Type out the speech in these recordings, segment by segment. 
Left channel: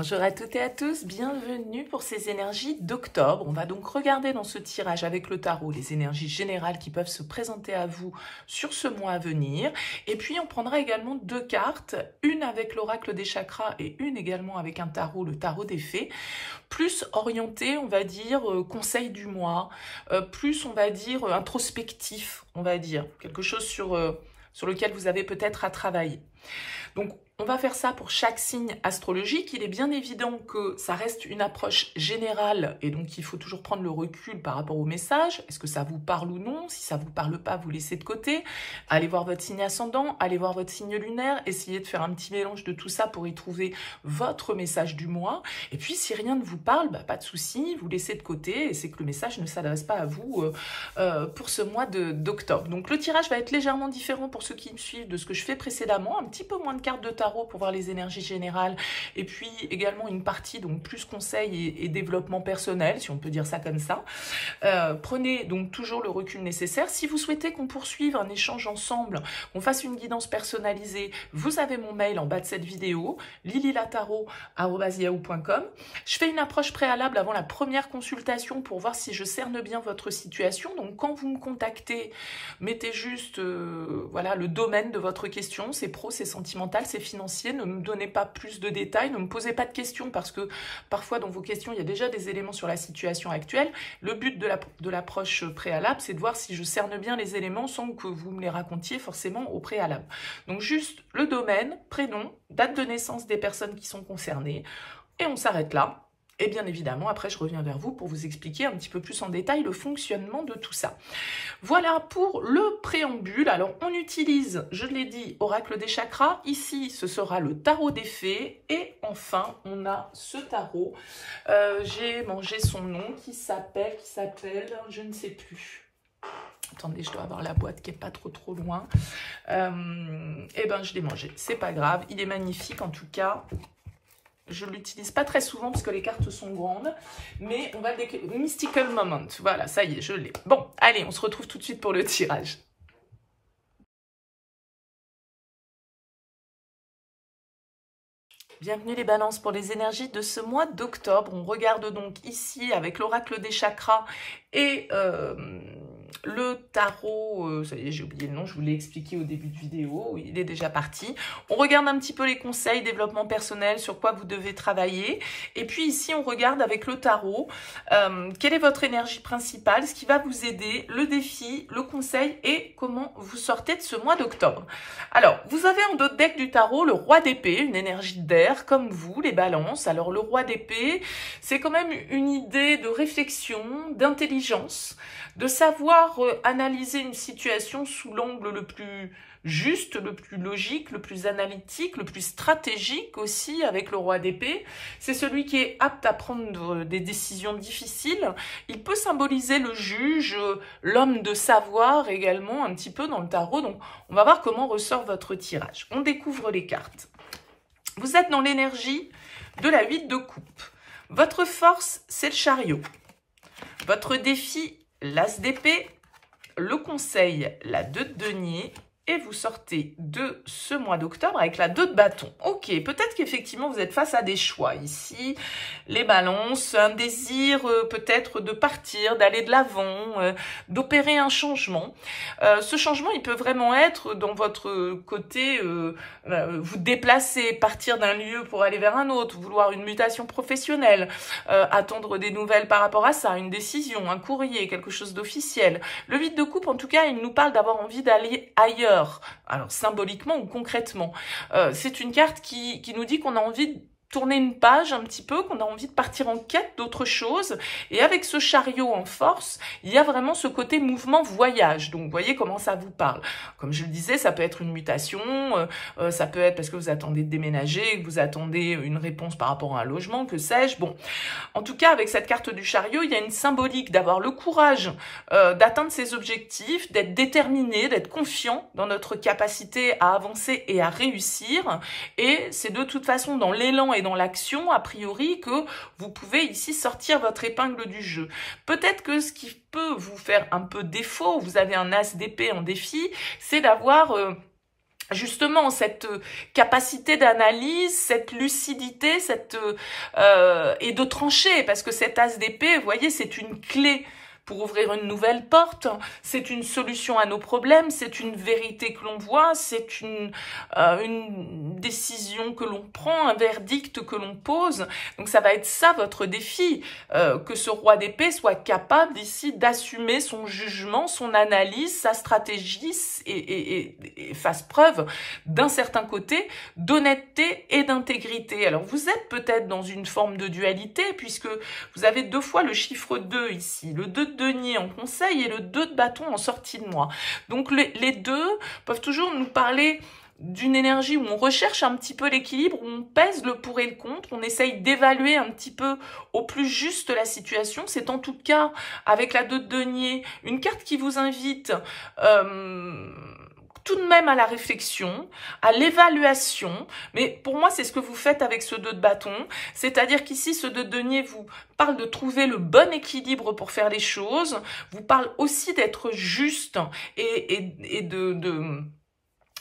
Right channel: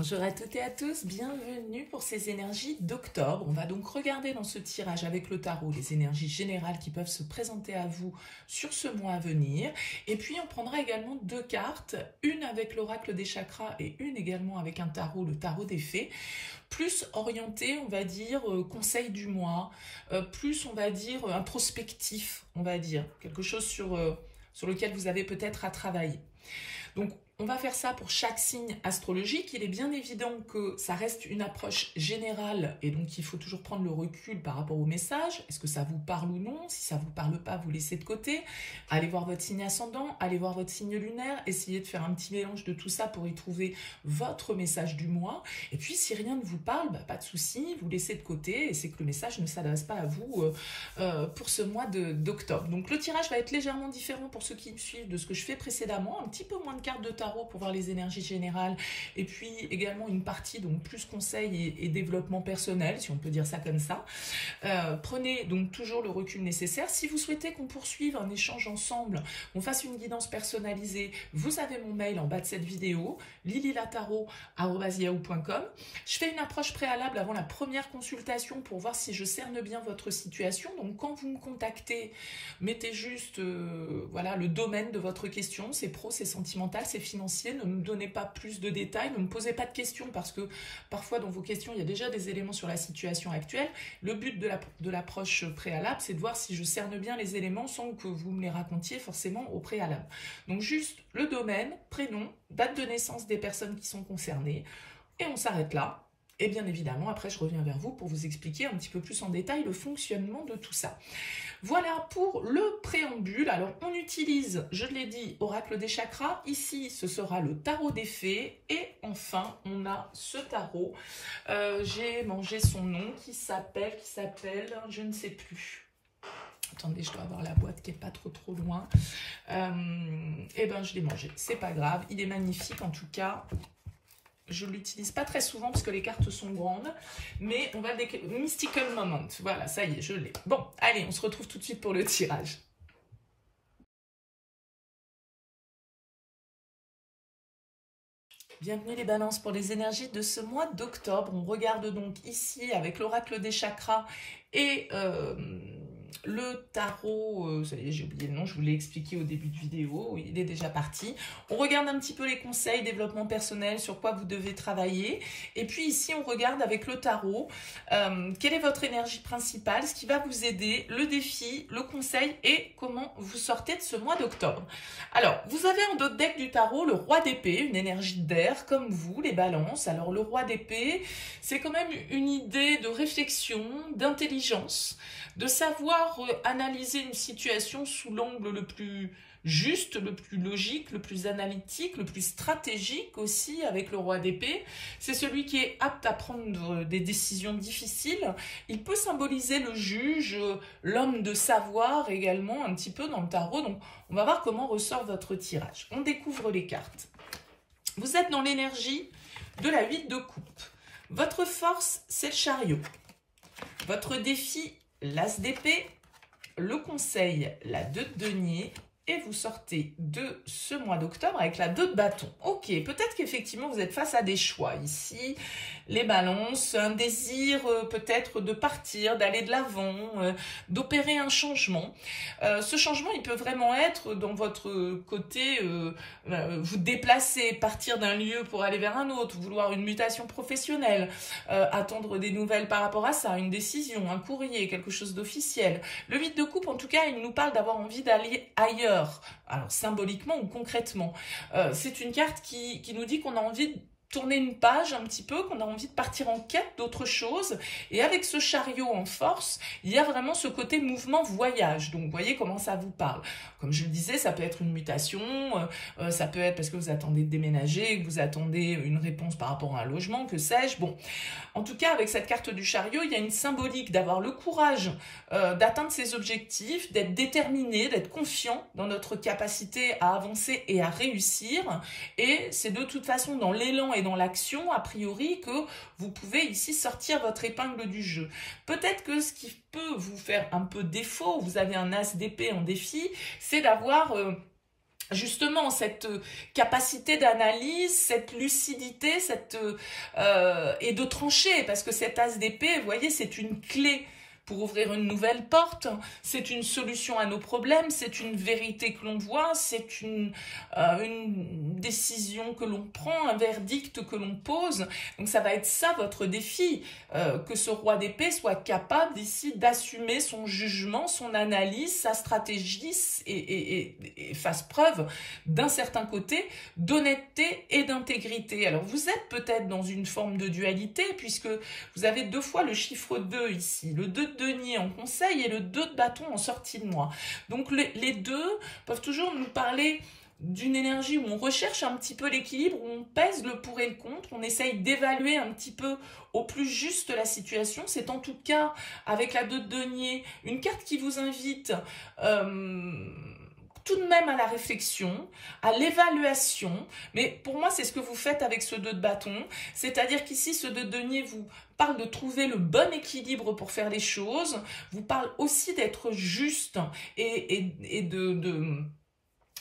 Bonjour à toutes et à tous, bienvenue pour ces énergies d'octobre. On va donc regarder dans ce tirage avec le tarot les énergies générales qui peuvent se présenter à vous sur ce mois à venir. Et puis on prendra également deux cartes, une avec l'oracle des chakras et une également avec un tarot, le tarot des fées, plus orienté, on va dire, conseil du mois, plus on va dire introspectif, on va dire, quelque chose sur lequel vous avez peut-être à travailler. Donc, on va faire ça pour chaque signe astrologique. Il est bien évident que ça reste une approche générale et donc il faut toujours prendre le recul par rapport au message. Est-ce que ça vous parle ou non? Si ça ne vous parle pas, vous laissez de côté. Allez voir votre signe ascendant, allez voir votre signe lunaire. Essayez de faire un petit mélange de tout ça pour y trouver votre message du mois. Et puis, si rien ne vous parle, pas de souci, vous laissez de côté et c'est que le message ne s'adresse pas à vous pour ce mois d'octobre. Donc, le tirage va être légèrement différent pour ceux qui me suivent de ce que je fais précédemment. Un petit peu moins de cartes de tarot pour voir les énergies générales et puis également une partie donc plus conseil et développement personnel, si on peut dire ça comme ça. Prenez donc toujours le recul nécessaire. Si vous souhaitez qu'on poursuive un échange ensemble, qu'on fasse une guidance personnalisée, vous avez mon mail en bas de cette vidéo, lililataro@yahoo.com. Je fais une approche préalable avant la première consultation pour voir si je cerne bien votre situation. Donc quand vous me contactez, mettez juste voilà, le domaine de votre question, c'est pro, c'est sentimental, c'est financier, ne me donnez pas plus de détails, ne me posez pas de questions parce que parfois dans vos questions, il y a déjà des éléments sur la situation actuelle. Le but de l'approche préalable, c'est de voir si je cerne bien les éléments sans que vous me les racontiez forcément au préalable. Donc juste le domaine, prénom, date de naissance des personnes qui sont concernées et on s'arrête là. Et bien évidemment, après, je reviens vers vous pour vous expliquer un petit peu plus en détail le fonctionnement de tout ça. Voilà pour le préambule. Alors, on utilise, je l'ai dit, oracle des chakras. Ici, ce sera le tarot des fées. Et enfin, on a ce tarot. J'ai mangé son nom qui s'appelle, je ne sais plus. Attendez, je dois avoir la boîte qui n'est pas trop loin. Eh ben, je l'ai mangé. C'est pas grave. Il est magnifique en tout cas. Je ne l'utilise pas très souvent parce que les cartes sont grandes, mais on va le décrire. Mystical Moment, voilà, ça y est, je l'ai. Bon, allez, on se retrouve tout de suite pour le tirage. Bienvenue les balances pour les énergies de ce mois d'octobre. On regarde donc ici avec l'oracle des chakras et le tarot, ça y est, j'ai oublié le nom, je vous l'ai expliqué au début de vidéo, il est déjà parti. On regarde un petit peu les conseils, développement personnel, sur quoi vous devez travailler. Et puis ici, on regarde avec le tarot, quelle est votre énergie principale, ce qui va vous aider, le défi, le conseil et comment vous sortez de ce mois d'octobre. Alors, vous avez en d'autres deck du tarot le roi d'épée, une énergie d'air comme vous, les balances. Alors, le roi d'épée, c'est quand même une idée de réflexion, d'intelligence, de savoir analyser une situation sous l'angle le plus juste, le plus logique, le plus analytique, le plus stratégique aussi avec le roi d'épée. C'est celui qui est apte à prendre des décisions difficiles. Il peut symboliser le juge, l'homme de savoir également un petit peu dans le tarot. Donc, on va voir comment ressort votre tirage. On découvre les cartes. Vous êtes dans l'énergie de la 8 de coupe. Votre force, c'est le chariot. Votre défi, l'as d'épée, le conseil, la 2 de denier, et vous sortez de ce mois d'octobre avec la 2 de bâton. Ok, peut-être qu'effectivement vous êtes face à des choix ici, les balances, un désir peut-être de partir, d'aller de l'avant, d'opérer un changement. Ce changement, il peut vraiment être dans votre côté, vous déplacer, partir d'un lieu pour aller vers un autre, vouloir une mutation professionnelle, attendre des nouvelles par rapport à ça, une décision, un courrier, quelque chose d'officiel. Le 8 de coupe, en tout cas, il nous parle d'avoir envie d'aller ailleurs. Alors, symboliquement ou concrètement. C'est une carte qui nous dit qu'on a envie de tourner une page un petit peu, qu'on a envie de partir en quête d'autre chose. Et avec ce chariot en force, il y a vraiment ce côté mouvement voyage. Donc, vous voyez comment ça vous parle. Comme je le disais, ça peut être une mutation, ça peut être parce que vous attendez de déménager, que vous attendez une réponse par rapport à un logement, que sais-je. Bon, en tout cas, avec cette carte du chariot, il y a une symbolique d'avoir le courage d'atteindre ses objectifs, d'être déterminé, d'être confiant dans notre capacité à avancer et à réussir. Et c'est de toute façon dans l'élan et dans l'action, a priori, que vous pouvez ici sortir votre épingle du jeu. Peut-être que ce qui peut vous faire un peu défaut, vous avez un as d'épée en défi, c'est d'avoir justement cette capacité d'analyse, cette lucidité, et de trancher, parce que cet as d'épée, vous voyez, c'est une clé pour ouvrir une nouvelle porte, c'est une solution à nos problèmes, c'est une vérité que l'on voit, c'est une décision que l'on prend, un verdict que l'on pose. Donc ça va être ça votre défi, que ce roi d'épée soit capable ici d'assumer son jugement, son analyse, sa stratégie et fasse preuve d'un certain côté d'honnêteté et d'intégrité. Alors vous êtes peut-être dans une forme de dualité puisque vous avez 2 fois le chiffre 2 ici, le 2 de denier en conseil et le 2 de bâton en sortie de moi. Donc les deux peuvent toujours nous parler d'une énergie où on recherche un petit peu l'équilibre, où on pèse le pour et le contre, on essaye d'évaluer un petit peu au plus juste la situation. C'est en tout cas, avec la 2 de denier, une carte qui vous invite tout de même à la réflexion, à l'évaluation, mais pour moi c'est ce que vous faites avec ce 2 de bâton, c'est-à-dire qu'ici ce 2 de denier vous parle de trouver le bon équilibre pour faire les choses, vous parle aussi d'être juste et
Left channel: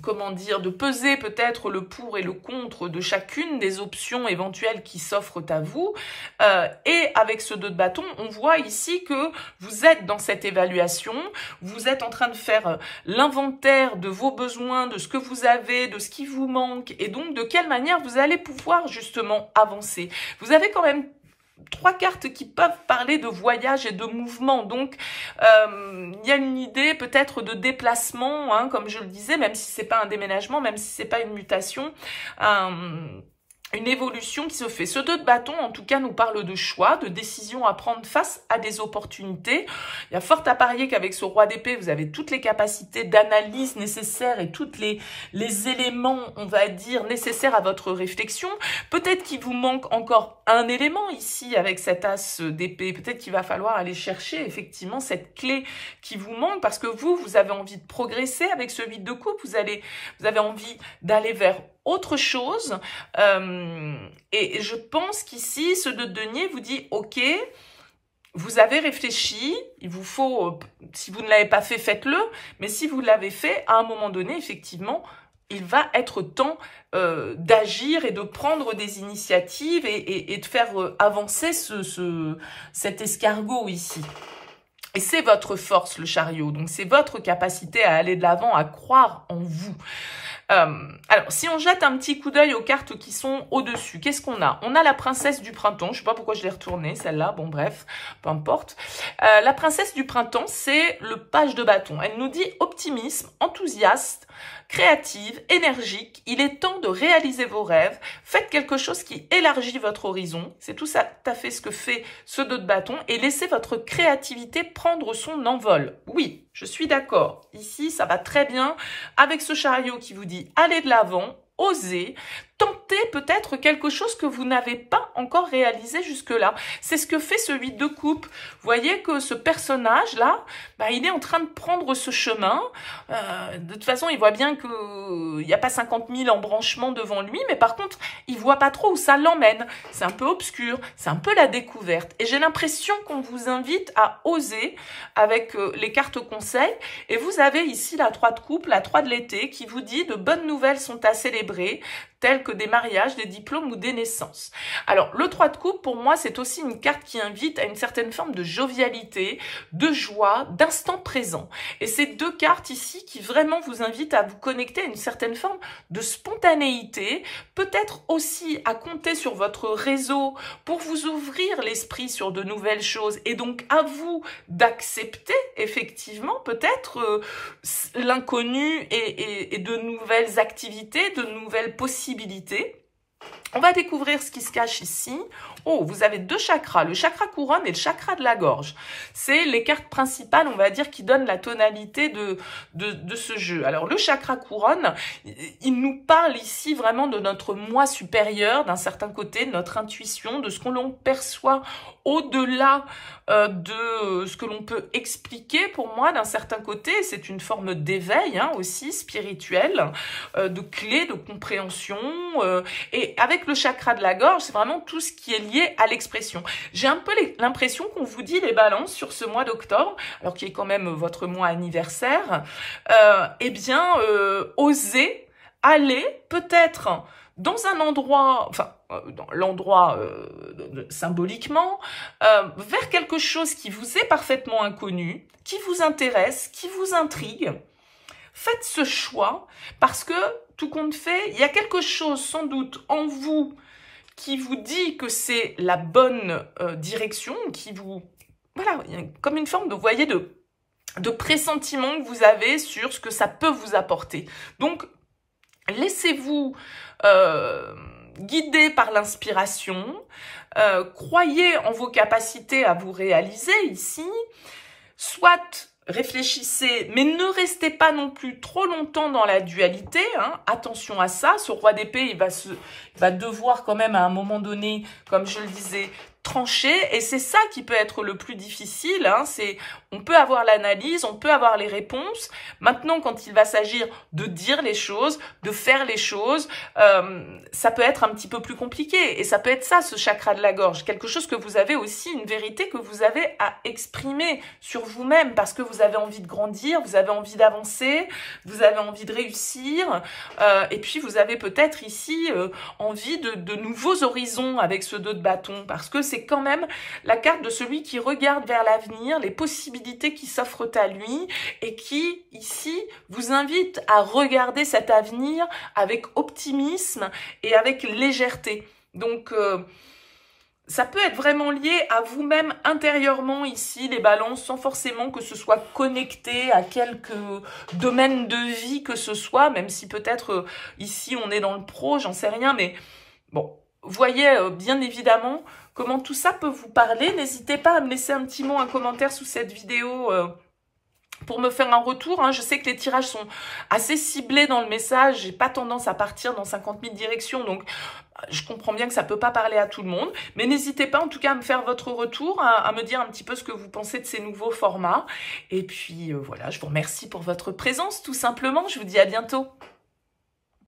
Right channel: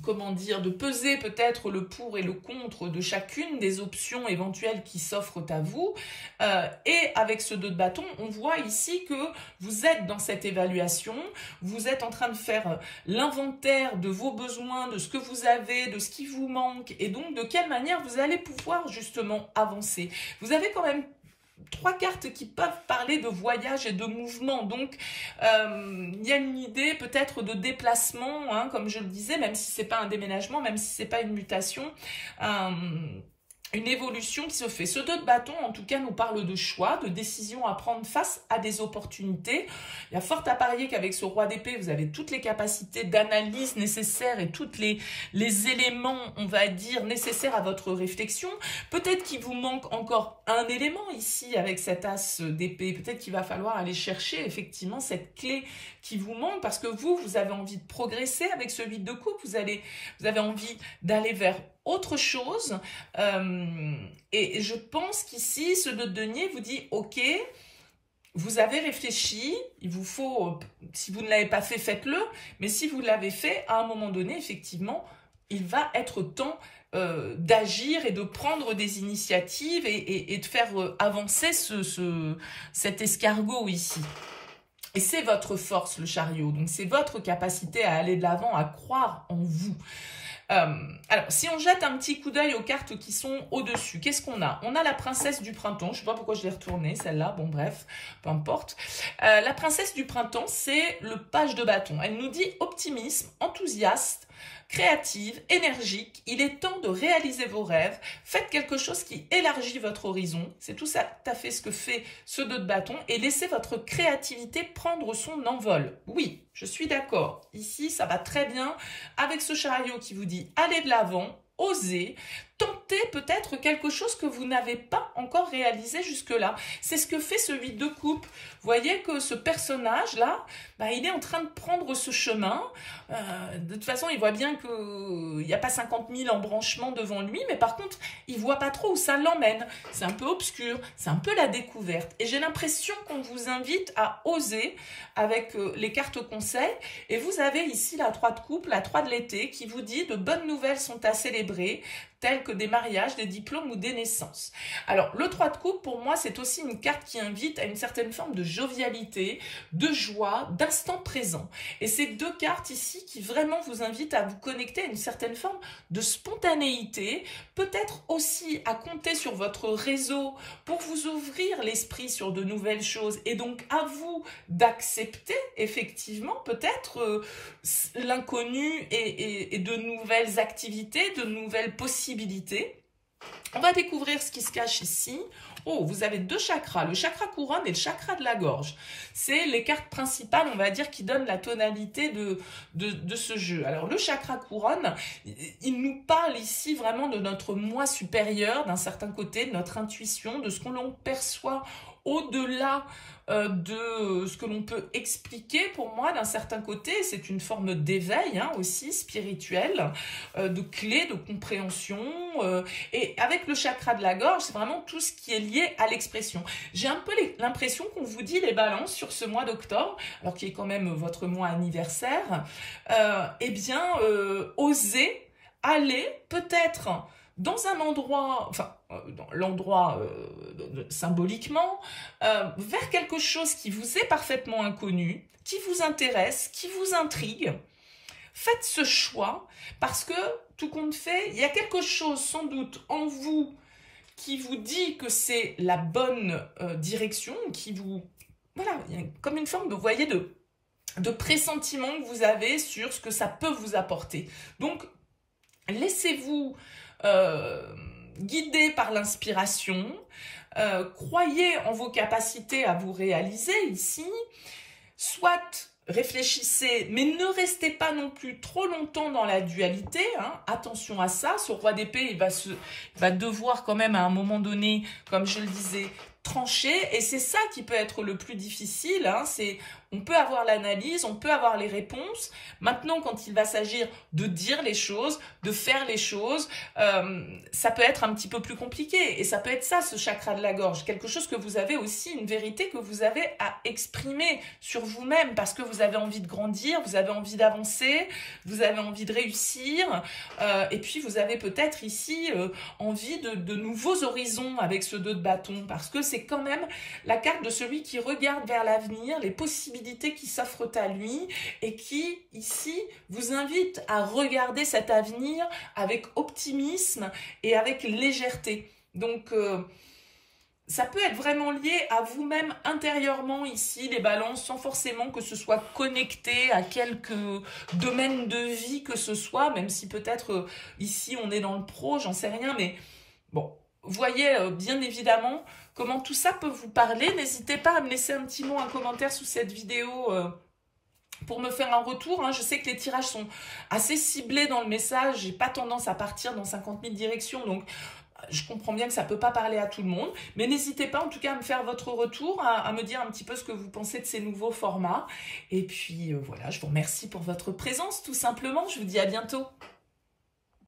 comment dire, de peser peut-être le pour et le contre de chacune des options éventuelles qui s'offrent à vous. Et avec ce 2 de bâton, on voit ici que vous êtes dans cette évaluation, vous êtes en train de faire l'inventaire de vos besoins, de ce que vous avez, de ce qui vous manque, et donc de quelle manière vous allez pouvoir justement avancer. Vous avez quand même 3 cartes qui peuvent parler de voyage et de mouvement, donc il y a une idée peut-être de déplacement, hein, comme je le disais, même si c'est pas un déménagement, même si c'est pas une mutation, une évolution qui se fait. Ce 2 de bâton, en tout cas, nous parle de choix, de décision à prendre face à des opportunités. Il y a fort à parier qu'avec ce roi d'épée, vous avez toutes les capacités d'analyse nécessaires et tous les éléments, on va dire, nécessaires à votre réflexion. Peut-être qu'il vous manque encore un élément ici avec cet as d'épée. Peut-être qu'il va falloir aller chercher effectivement cette clé qui vous manque parce que vous avez envie de progresser avec ce 8 de coupe. Vous avez envie d'aller vers autre chose, et je pense qu'ici, ce 2 de denier vous dit, ok, vous avez réfléchi, il vous faut, si vous ne l'avez pas fait, faites-le, mais si vous l'avez fait, à un moment donné, effectivement, il va être temps d'agir et de prendre des initiatives et de faire avancer cet escargot ici. Et c'est votre force, le chariot, donc c'est votre capacité à aller de l'avant, à croire en vous. Alors, si on jette un petit coup d'œil aux cartes qui sont au-dessus, qu'est-ce qu'on a? On a la princesse du printemps. Je ne sais pas pourquoi je l'ai retournée, celle-là. Bon, bref, peu importe. La princesse du printemps, c'est le page de bâton. Elle nous dit optimisme, enthousiaste, créative, énergique. Il est temps de réaliser vos rêves. Faites quelque chose qui élargit votre horizon. C'est tout à fait ce que fait ce 2 de bâton. Et laissez votre créativité prendre son envol. Oui, je suis d'accord. Ici, ça va très bien avec ce chariot qui vous dit allez de l'avant, osez, tentez peut-être quelque chose que vous n'avez pas encore réalisé jusque-là. C'est ce que fait ce 8 de coupe. Vous voyez que ce personnage-là, il est en train de prendre ce chemin. De toute façon, il voit bien qu'il n'y a pas 50 000 embranchements devant lui, mais par contre, il ne voit pas trop où ça l'emmène. C'est un peu obscur, c'est un peu la découverte. Et j'ai l'impression qu'on vous invite à oser avec les cartes conseils. Et vous avez ici la 3 de coupe, la 3 de l'été, qui vous dit de bonnes nouvelles sont à célébrer, tels que des mariages, des diplômes ou des naissances. Alors, le 3 de coupe, pour moi, c'est aussi une carte qui invite à une certaine forme de jovialité, de joie, d'instant présent. Et ces 2 cartes ici qui vraiment vous invitent à vous connecter à une certaine forme de spontanéité, peut-être aussi à compter sur votre réseau pour vous ouvrir l'esprit sur de nouvelles choses et donc à vous d'accepter effectivement peut-être l'inconnu et de nouvelles activités, de nouvelles possibilités. On va découvrir ce qui se cache ici. Oh, vous avez 2 chakras, le chakra couronne et le chakra de la gorge. C'est les cartes principales, on va dire, qui donnent la tonalité de ce jeu. Alors, le chakra couronne, il nous parle ici vraiment de notre moi supérieur, d'un certain côté, de notre intuition, de ce que l'on perçoit au-delà de ce que l'on peut expliquer. Pour moi, d'un certain côté, c'est une forme d'éveil aussi spirituel, de clé, de compréhension. Et avec le chakra de la gorge, c'est vraiment tout ce qui est lié à l'expression. J'ai un peu l'impression qu'on vous dit les balances sur ce mois d'octobre, alors qui est quand même votre mois anniversaire, osez aller peut-être dans un endroit, enfin, dans l'endroit symboliquement, vers quelque chose qui vous est parfaitement inconnu, qui vous intéresse, qui vous intrigue. Faites ce choix parce que, tout compte fait, il y a quelque chose sans doute en vous qui vous dit que c'est la bonne direction, qui vous... Voilà, comme une forme de, vous voyez, de pressentiment que vous avez sur ce que ça peut vous apporter. Donc, laissez-vous guider par l'inspiration, croyez en vos capacités à vous réaliser ici, soit réfléchissez, mais ne restez pas non plus trop longtemps dans la dualité, hein. Attention à ça, ce roi d'épée, il va devoir quand même à un moment donné, comme je le disais, trancher, et c'est ça qui peut être le plus difficile, hein. On peut avoir l'analyse, on peut avoir les réponses. Maintenant, quand il va s'agir de dire les choses, de faire les choses, ça peut être un petit peu plus compliqué. Et ça peut être ça, ce chakra de la gorge. Quelque chose que vous avez aussi, une vérité que vous avez à exprimer sur vous-même parce que vous avez envie de grandir, vous avez envie d'avancer, vous avez envie de réussir. Et puis, vous avez peut-être ici envie de nouveaux horizons avec ce 2 de bâton parce que c'est quand même la carte de celui qui regarde vers l'avenir, les possibilités qui s'offrent à lui et qui, ici, vous invite à regarder cet avenir avec optimisme et avec légèreté. Donc, ça peut être vraiment lié à vous-même intérieurement ici, les balances, sans forcément que ce soit connecté à quelques domaines de vie que ce soit, même si peut-être ici on est dans le pro, j'en sais rien, mais bon, voyez bien évidemment comment tout ça peut vous parler. N'hésitez pas à me laisser un petit mot, un commentaire sous cette vidéo pour me faire un retour. Hein. Je sais que les tirages sont assez ciblés dans le message. J'ai pas tendance à partir dans 50 000 directions, donc je comprends bien que ça peut pas parler à tout le monde. Mais n'hésitez pas en tout cas à me faire votre retour, à me dire un petit peu ce que vous pensez de ces nouveaux formats. Et puis voilà, je vous remercie pour votre présence tout simplement. Je vous dis à bientôt.